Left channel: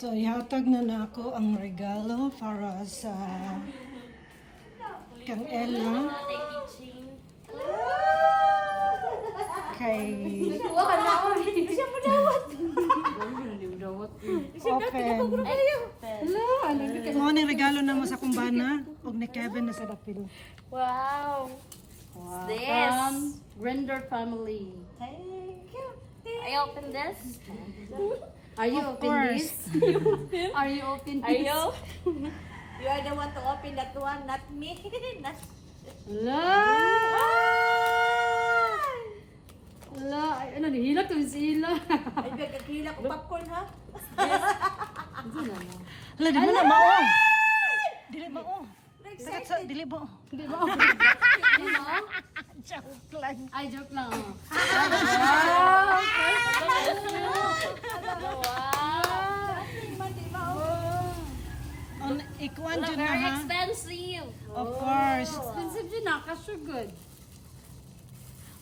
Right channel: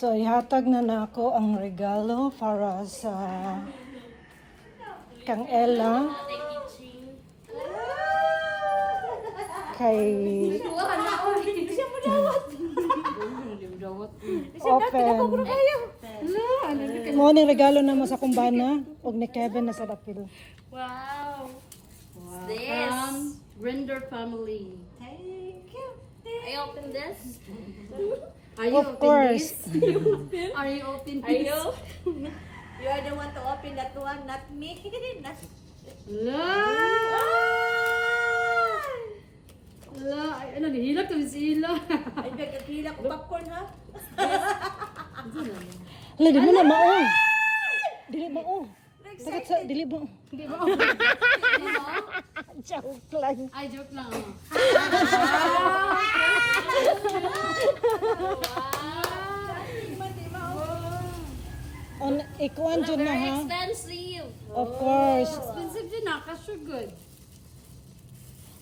So, ihatag na ako ang regalo para sa kang Ella. Kay... Okay. Mo ni regalo na mo sa kumbana og ni Kevin na sa dakil. Wow. Wow. This. Render family. Thank you. I open this. Are you Of open course. this? Are you open Are this? you? You are the one to open that one, not me. La! La! Ay, ano, nihilak to si Ila. Ay, nagkakila ko popcorn, ha? Hala, dili na mao. Dili mao. Dili mo. Di ba? Di ba? Joke lang. Ay, joke lang. Oh. On ikuan jud na Very ha. expensive. Of course. Expensive din na, kasyo good.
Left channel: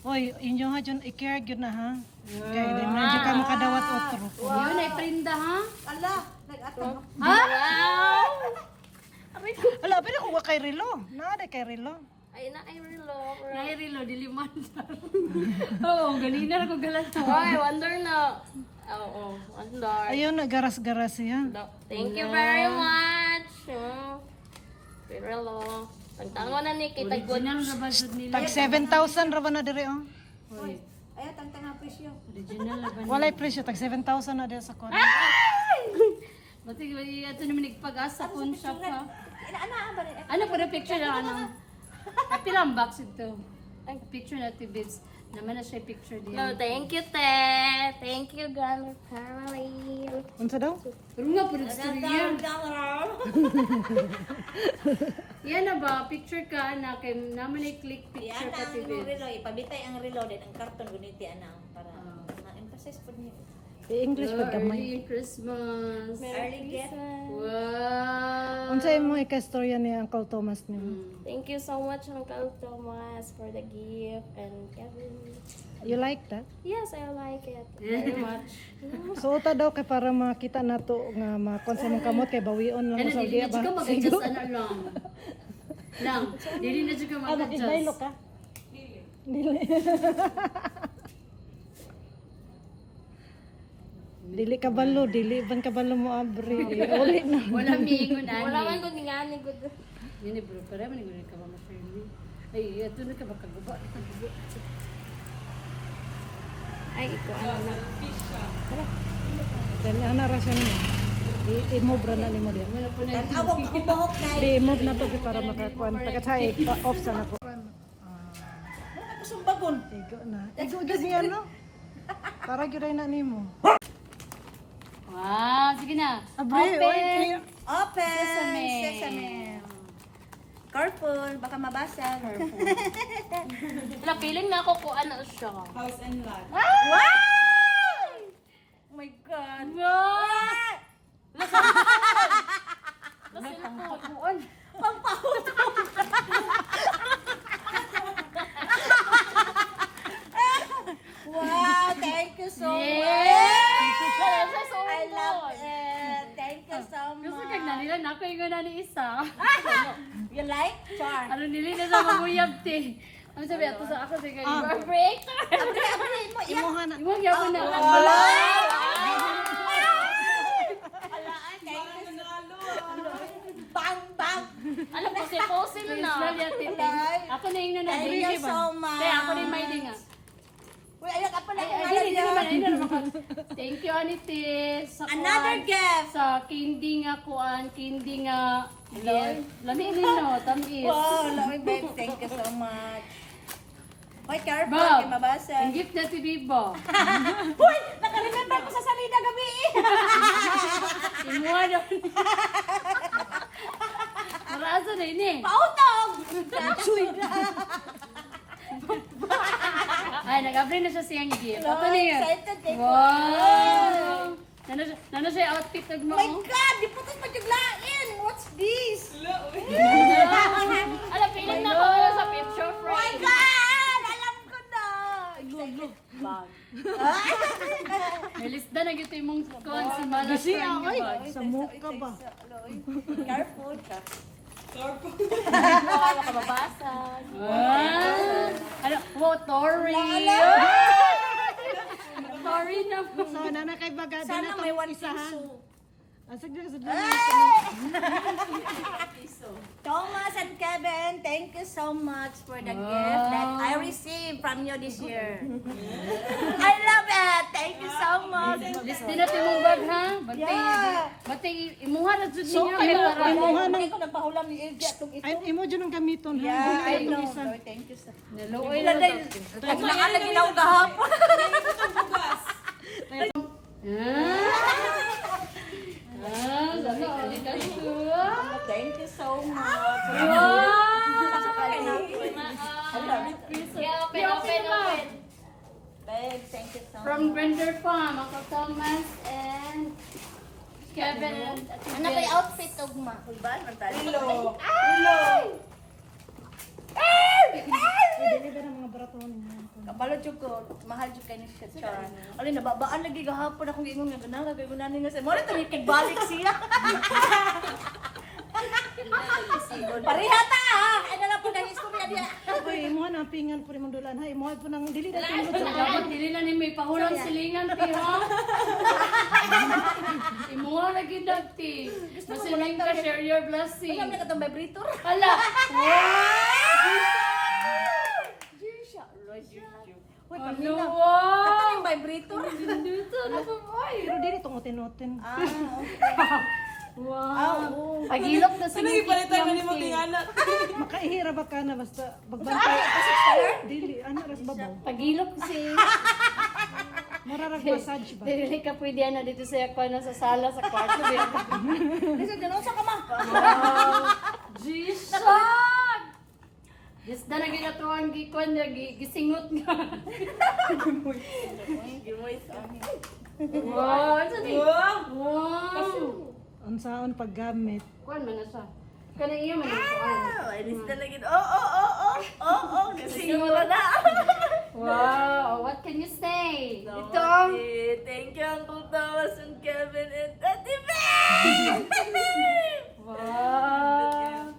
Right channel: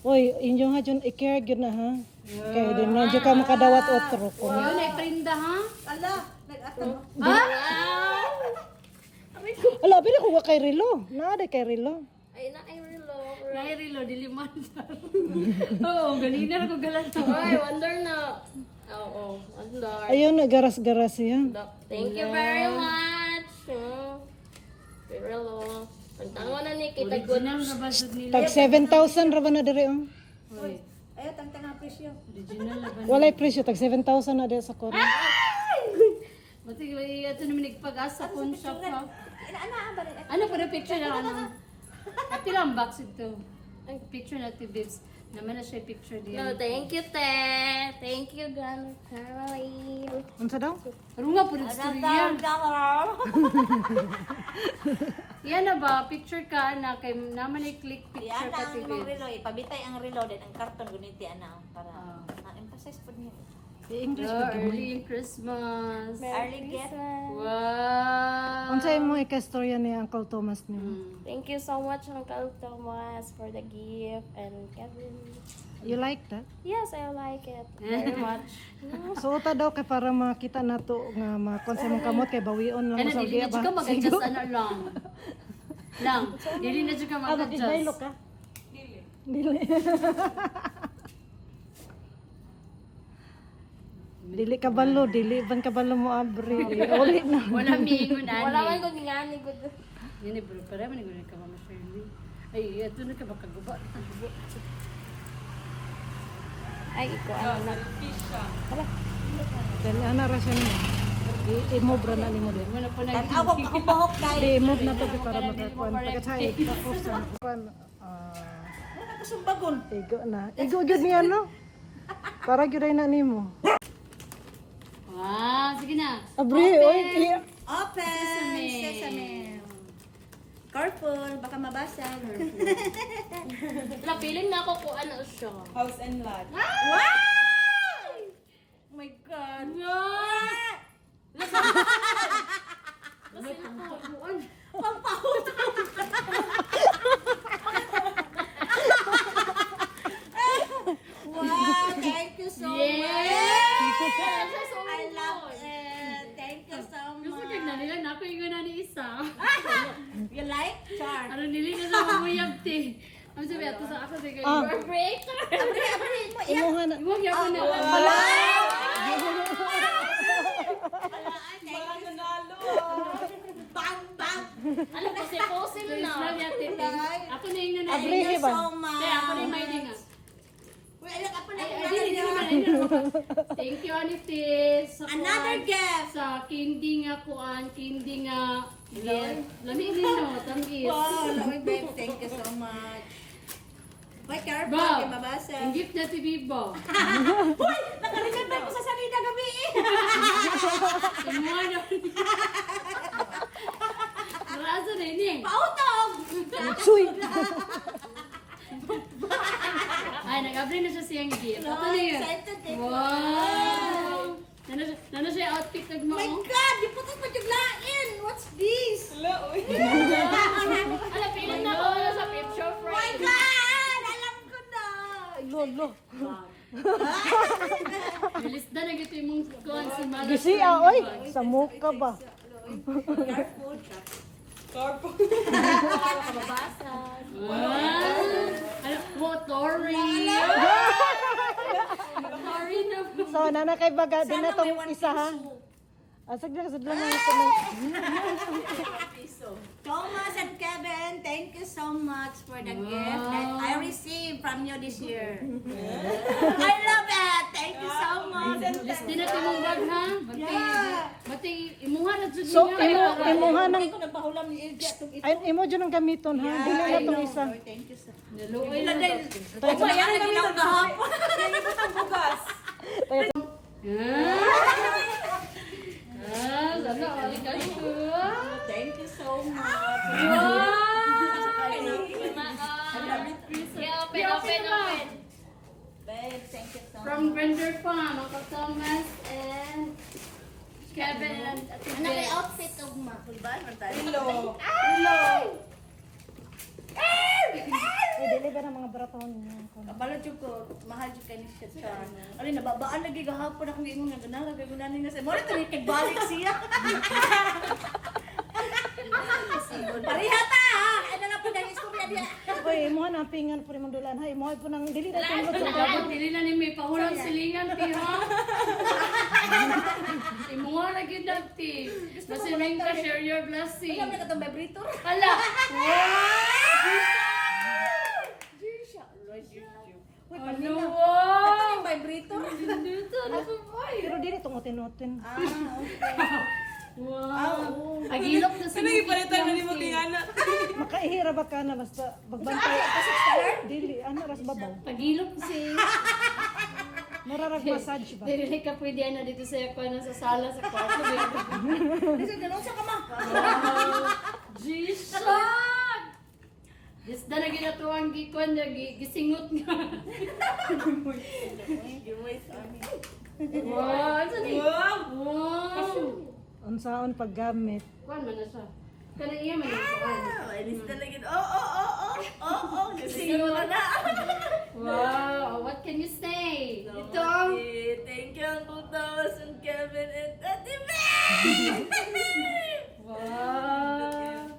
Uy, inyo nga jud i-care gyud na ha. Kay di man jud ka makadawat otro. Yun ay prenda, ha? Ala, nag-atang. Ha? Ala, pero ko kay relo. Na kay relo. Ay, na, I reload. Nairilo, diliman. Oo, ganina ako galan to. Ay, wonder na. Oo, wonder. Ayun, garas-garas yan. Thank you very much. Very low. Pagtango na ni kita good. Original na ba siya nila? Tag 7,000 ra ba na dire oh. Uy, ayaw, tangtang ang presyo. Original na ba nila? Walay presyo tag 7,000 na dire sa kon. Bati, ito naman nagpag-asa kun shop ha. Inaanaan ba rin? Ano pa na picture na ano? Happy lang box ito. Ang picture na Tibits. Naman na siya picture No, diyan. thank you, Te. Thank you, Gunner Family. Unsa daw? Pero nga po na storya. Yan na ba? Picture ka na kay naman ay click picture Yan ka ang Tibits. relo. Ipabitay ang relo din. Ang karton guniti ana para ma-emphasize po niyo. I-English pag gamay. Early Christmas. Early gift. Wow. Unsa imong ikastorya ni Uncle Thomas nimo? Thank you so much, Uncle Thomas, for the gift. And Kevin. You like that? Yes, I like it very much. So uta daw kay para makita nato nga makon sa mong kamot kay bawion lang Ano, mo sa dili uliya na ba? dyan ka mag-adjust ano lang. Lang. Dili na dyan ka Ah, mag-adjust. ka? Dili. Dili ka balo, dili ban ka balo mo abri. Uli na. Wala miingon ani. Wala man ko nga ni good. Yun eh bro, para man ka Mama Shirley. Ay, ito na ka makaguba. Ay, iko ano na. Dali ana ra siya ni. I-move ra na nimo din. Wala po na Tanaw ko ako bahok kay. I-move na to para makakuan pagkatay off sa nako. Wala ka sumbagon. Igo na. Igo gud niya no. Para gyud na nimo. Wow, sige na. Abri, Open. Open. Sesame. Sesame. Careful, baka mabasag. Wala, feeling na ako kung ano siya. House and lot. Wow! Oh my God. Wow! May pangpakuan. Wow, thank you so Yes! much. I love it. Thank you so Gusto much. kag na nila na ako yung na ni isa. You like? Char. Ano nili na sa mamuyab te. Ang sabi ato sa ako sige. Vibrator! Abri mo. Iya. Imuha na. Iwag niya ko na. Wala. Thank you. Bang, bang. Alam ko, si na. Personal yate. Ako na yung Thank nanay. you so much. Te, ako na yung may dinga. Uy, ayun ka pala. Ay, dili naman. Thank you, Anitis. Sa Another kuwan. gift. Sa kindi nga kuan, kindi nga gift. Lami din no, tamis. Wow, Lowy babe, thank you so much. Hoy, careful, Ba, kay mabasa. ang gift na si Bibo. Hoy, naka-remember ko sa salida gabi. Imuha daw. Marasa na yun eh. Pautog! Ay, nag-abri na siya siyang gift. Ako na yun. Excited kay Wow! Nano siya outfit Oh my nagmo? God, di putas pa yung lain. What's this? Alam, feeling na ako wala sa picture Oh my frame. God, alam ko na. Lolo. Nilista na gito yung mong kuhan si Malas. Gisi oy, sa muka ba? Careful. Kababasag. Ano? Wow, Tori! Tori na. So nana kay baga din na Sana may tong 1 isa ha. piso. Asig na sa Thomas and Kevin, thank you so much for the gift that I received from you this year. I love it. Thank you so much. List din natin mong bag, ha? Bati, imuha na dyan So niya. imuha nang Hindi ko napahulam ni Ilja itong ito. ay imo dyan ang gamiton ha. Dili na I tong know. isa. Lord, thank you so much. Naluoy na daw. Huwag na nga na ginaw kahapon. Sana ulit kayo. Thank you so much. Yeah, open. Babe, thank you so much. From Brenda Farm, Uncle Thomas and Kevin and Ano kay outfit of ma? Kulban, mantal. Dili ba ng mga baraton niya? Kapalo jud ko, mahal jud kay ni Katsa. Alin nababaan lagi gahapon akong ingon nga ganala kay gunani nga sa mo to balik siya. Pareha ta ha. Ano na po ganis ko diya. Oy, imo na pingan po nimong dulan ha. Imo po nang dili na tong Dapat dili na ni may pahulang silingan, tiha. Imuha lagi dati. Masiling ka, share your blessing. Ano ka tong vibrator? Hala! Uy, Ano ano? wow! Ito yung vibrator. pero dili tong oten-oten. Wow! Agilok na sa mga Palitan na ni mo tingana. Makaihira ba ka na basta bagbantay. Dili ana ras babaw. Agilok si... Mararag massage ba? Dili ka pwede na dito sa yakwa sa sala sa kwarto. Bisa ganun sa kama. Jesus! Yes, na ginatuan gikwan niya, gisingot nga. Wow! Ano ni? Wow! Unsaon paggamit? Kuan man na siya. Kanang iya man ang kuan. Inis talaga. Oh. Kasi wala na. Wow! What can you say? Ito. Thank you, Uncle Thomas and Kevin and Tati Babe! Wow!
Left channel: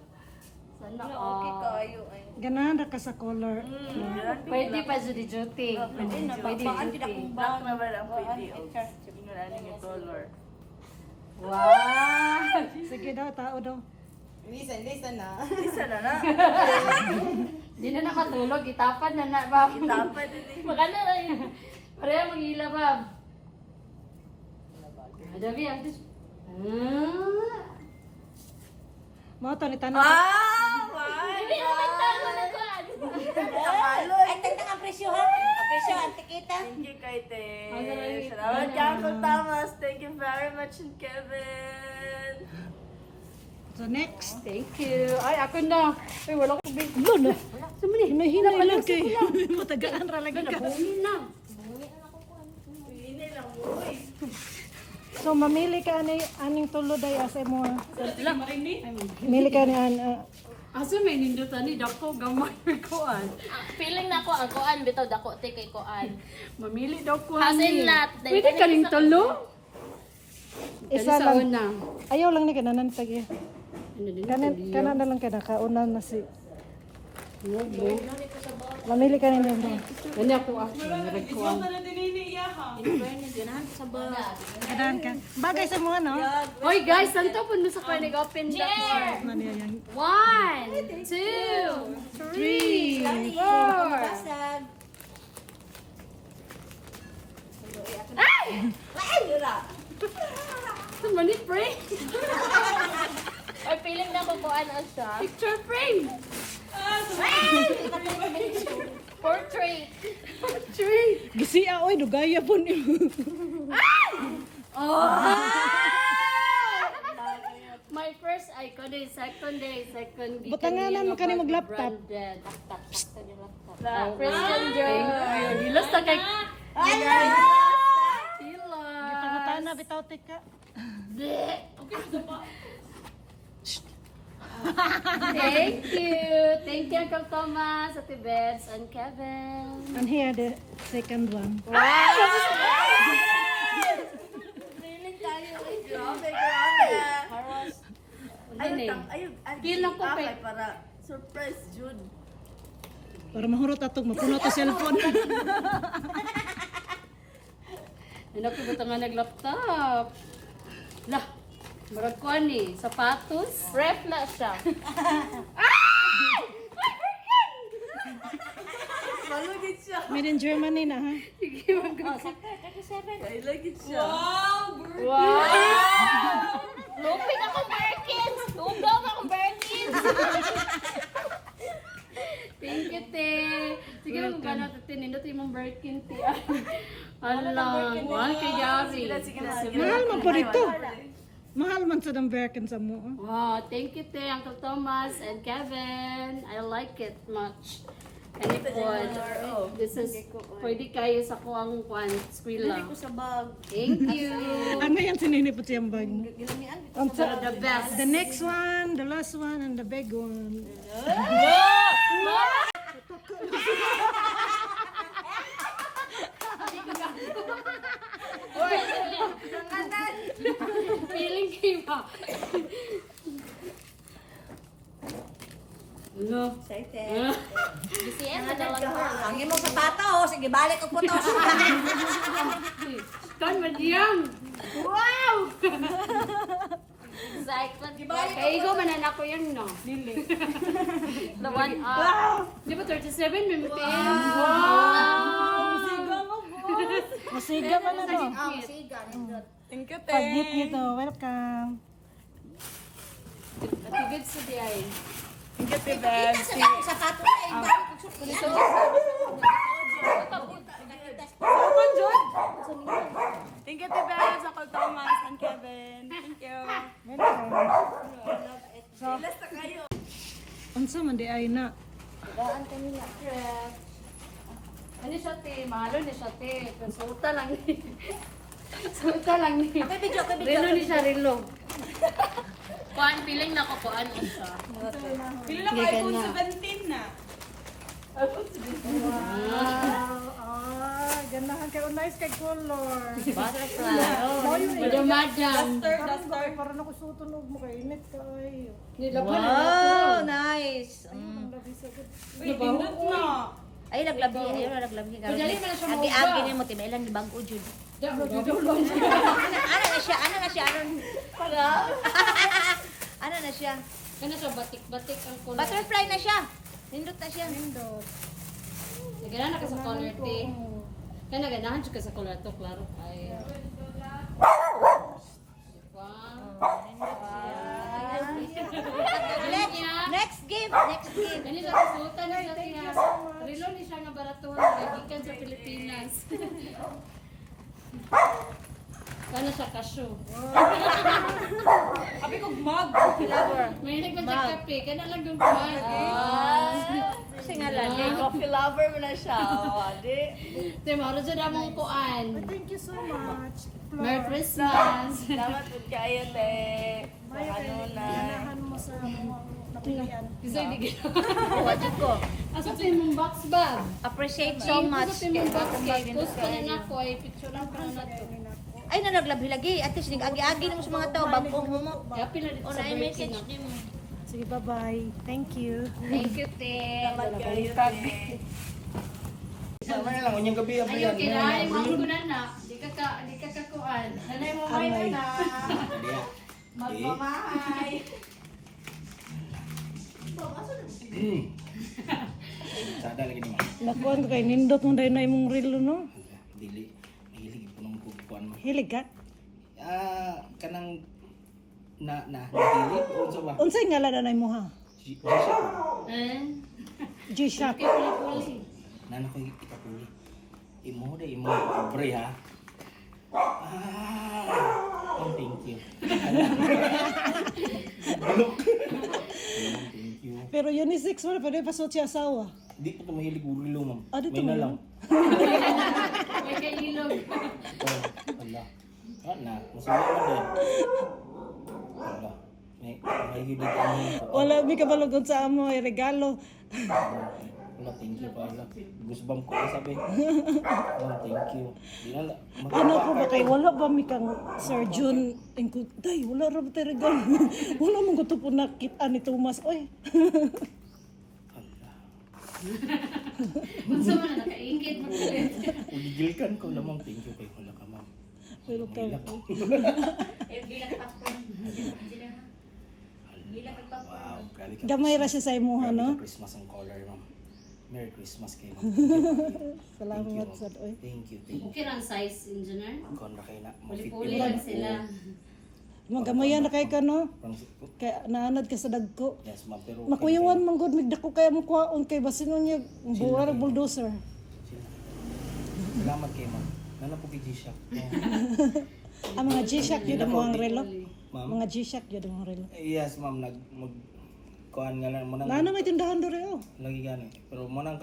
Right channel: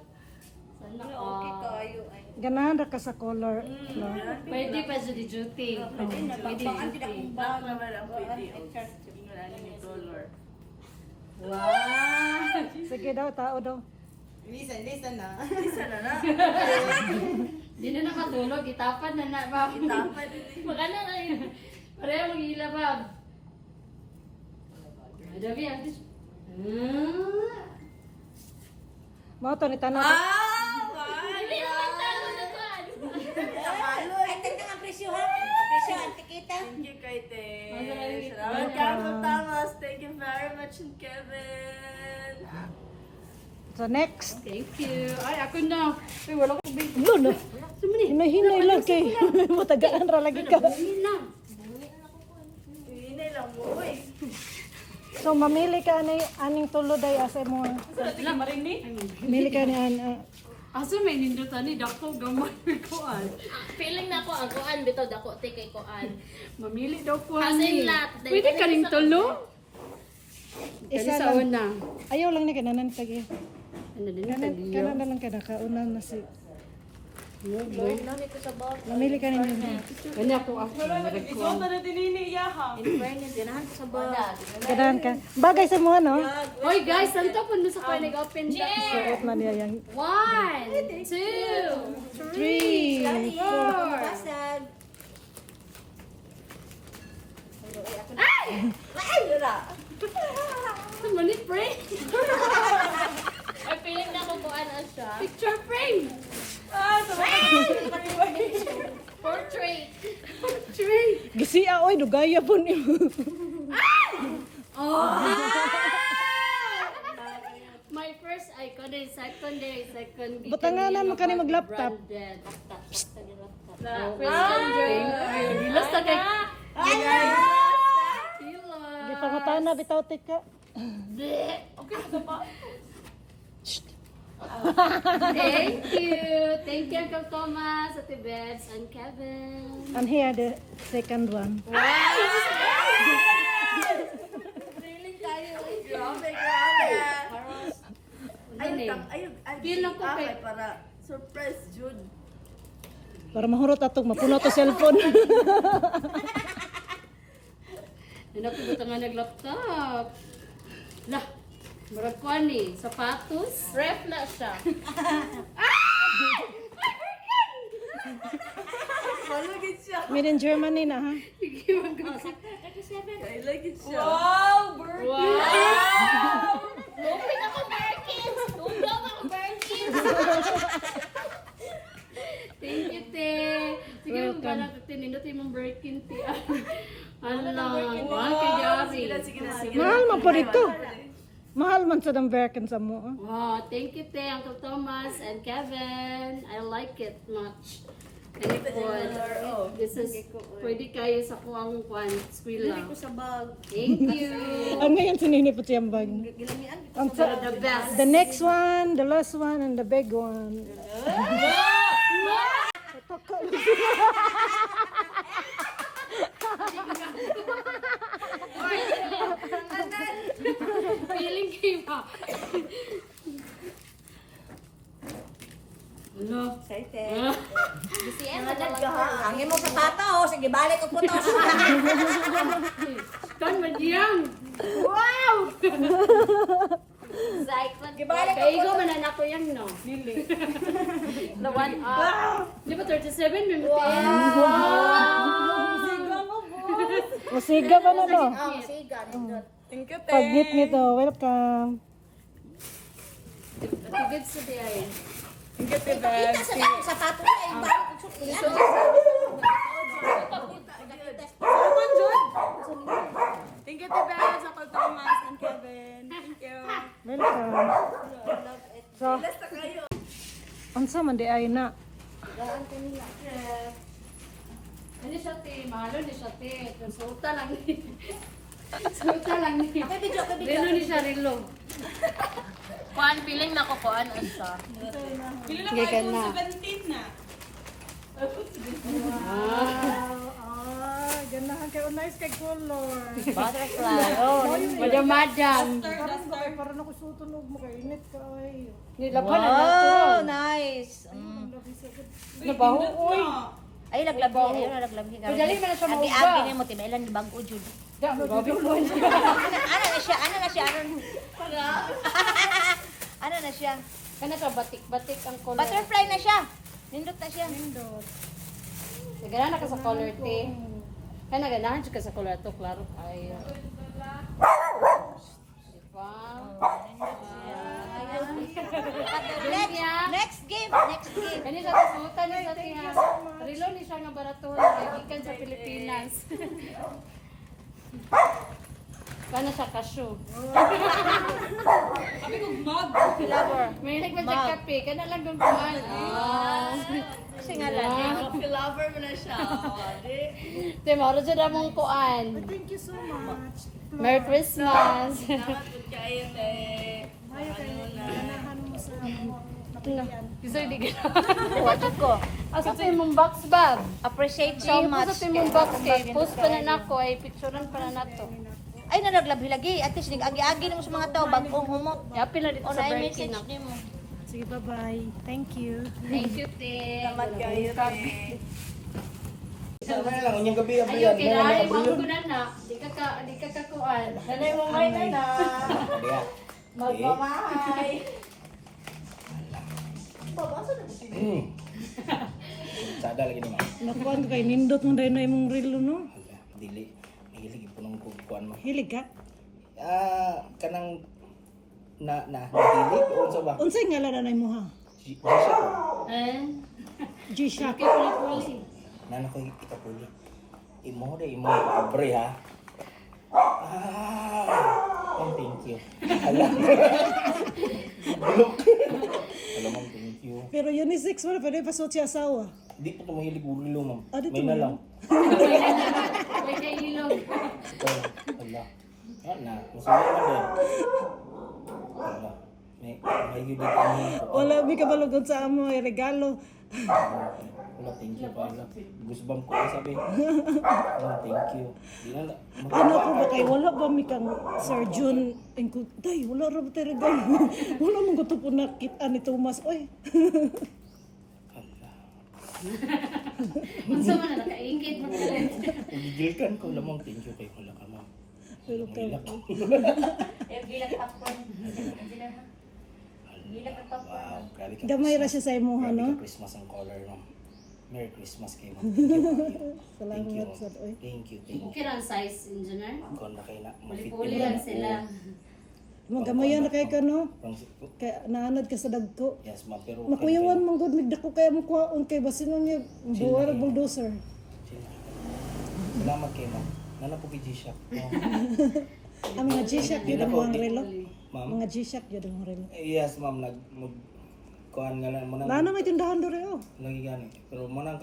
Sana Okay all. kayo. Ganahan ra ka sa color. No? Pwede pa sa duty. Pwede duty. Black naman ang pwede. Tingnan natin yung color. Wow! Sige daw, tao daw. Isa na na. Di na nakatulog, itapad na na, Bob. Tapad din eh. Baka na lang yun. Pareha mag-hila, Bob. Adabi, atis. Mao to ni tanong. Hindi naman talo na kuan. Ay, tanda ang presyo ha. Ang presyo, ang tikita. Thank you, Kaite. Salamat ka, Uncle Thomas. Thank you very much, and Kevin. So next. Thank you. Ay, ako na. Ay, wala ko big. Lo. Hinahinay lang kay. Matagaan ra lagi ka. Buhin na. Hinay lang mo, uy. So mamili ka ni aning tulo day asa mo. Wala. Ay, Mamili ka ni asa may nindutan ni Dako, gamay ko an. Feeling na ko ang kuan bitaw dako te kay kuan. Mamili daw ko As in lot. Pwede ka rin tulo? Kani isa sa lang. una. Ayaw lang ni kananan tagi. Ano din Kanan sa kanan na lang kada kauna na si. liyo? Mamili ka ni nila. Kani ako narag ko ang. Ganahan ka. Bagay sa mo no. Hoy guys, santo po sa kayo nag-open na. Suot man niya yan. 1, 2, 3, 4. Basag. Saan man ni frame? Or feeling na ko kuan ang siya. Picture frame. Portrait. Tree. Gisi oy dugaya po ni. My first icon day, second day, second week. Butanganan mo ka ni mag-laptop. Christian Dior. Gilas na kay... Bitaw na bitaw tika. Thank you. Thank you, Uncle Thomas, Ate Bets, and Kevin. And here the second one. Feeling kayo. Grabe, grabe. Ano eh? Feel ako kay- para surprise, Jude. Para mahurot atong mapuno ta cellphone. Hindi ko buta nga nag-laptop. Lah, marag ko ani, sapatos. Ref na siya. Malugit siya. Made in Germany na ha. Sige, mag- Ay, lagit siya. Wow! Lupin ako, Birkins! Tugong ako, Birkins! Thank you, te. Sige, kung ba natin tinindot yung mong Birkin, te. Alam, mahal kay Gary. Mahal man po dito. Mahal man sa Birkin sa mo. ah. Wow, thank you, te, Uncle Thomas and Kevin. I like it much. And ipon. This is, pwede kayo sa kuwang kwan, skwila. Sa bag. Thank you. Ano yan sininipot siyang bag? Gilamian. Ang sa- The best. The next one, the last one, and the big one. Feeling kayo ba? Ano? Excited. Ah. Si Emma na lang her. Ang imong sapato, oh. Sige, balik ko putos. Kan madiyang. Wow! Excitement. Kaya ikaw mananak ko yan, no? Dili. The one up. Di ba 37 may mutin? Masiga ka na no. Oh, siga. Nindot. Pag-meet nito, welcome. Natigid sa di ay. Kita sa akong sapato niya. Yung balik ko sa Thank you, Tibet, Uncle Thomas, and Kevin. Thank you. Unsa man di ay na. Ano siya, te? Mahalo ni siya, te. Sulta lang ni. Sulta lang ni. Relo ni siya, relo. Kuan, feeling na ko kuan na siya. Pili na Sige ka iPhone na. 17 na. Ganahan kay nice kay color. Butterfly. Oh, Madam. Parang ba para na ko sutunog mo kay init kay. Nilaban na Oh, nato. nice. Nabaho, oy. Ay, laglabi. Ayun na laglabi. Madali mo na siya mauga. Agi-agi na mo, tibailan ni bago, Jude. Ano na siya? Ano na siya? Ano na siya? Ano siya, batik-batik ang color. Butterfly na siya. Nindot na siya. Naganahan ka sa color, te. Kaya naganahan siya ka sa color to, klaro. Ay. Diba? Next game. Next game. Kani sa kasutan ni sa tiya. Rilo ni siya nga baraton, gikan sa Pilipinas. Kano siya kasyo? Flower. May nagmadya kape, kana lang doon kumain. Kasi nga lang. Lover mo na siya. Te, maro dyan among kuan. Thank you so much. Merry Christmas. Salamat po kayo, te. Mayo kay ganahan mo sa mo napilian. Gusto hindi ka. Wajud ko. Asa sa imong box bag? Appreciate so much. Sa imong box bag. Post ka na nako, ay picturean ka na nako. Ay, nalaglabi lagi. At least, agi-agi na mo sa mga tao. Bagong humot. Happy na dito O sa na birthday message na. ni mo. Sige, bye-bye. Thank you. Thank you, te. Salamat kayo, te. Sama na lang, unyang gabi, Ayun, abriyan. kinain mo ko na na. Di ka kakuan. Nanay mo may na na. Diya. Magmamay. Sada lagi ni ma'am. Nakuan kay nindot mo dahil na imong relo no. Dili. Hilig po ng kukuan mo. Hilig ka? Kanang hilig o sa ba? Unsay ngalan na mo ha? G-Shock. G-Shock. Nana ko ikapuli. Imo abre ha. Thank you. Bulok. Alam thank you. Pero unisex mo na pwede pa siya asawa. Di po ito mahilig urilo, ma'am. Ah, dito May na mo lang. May kailog. Ito, wala. Na, masulit mo din. Wala. May May gibig kanyo ko. Wala mi kabalugod sa amo ay regalo. Wala, thank you pala. Goosebump ko sabi. Wala, thank you. Di na Ano ko ba kay wala ba mi kang Sir June engko day wala ra ba tayo regalo. Wala man ko to po nakita ni Thomas oy. Unsa man na nakaingit mo talaga. Gigilkan ko lamang, thank you kay wala ka ma'am. Pero ka Wow, grabe ka. gamay ra siya sa imo Grabe no. ka Christmas ang color, ma'am. Merry Christmas kay ma'am. Thank you, ma'am. Salamat sad oy. Thank you, thank you. Okay ra ang size, engineer. Kung na kayo na, Puli-puli lang sila. Magamayan na kay ka no. Pang- Kay naanad ka sa dagko. Yes, ma'am, pero... Makuyawan man gud migdako kaya mo kuhaon kay basin niya buwar bulldozer. Salamat kay ma'am. Nana po kay G-Shock. Ang mga G-Shock yun ang mga relo. Ma'am? Mga G-Shock yun ang mga relo. Yes, ma'am. Kuhaan nga lang mo nang... Nana may tindahan do reo. Lagi gani. Pero mo nang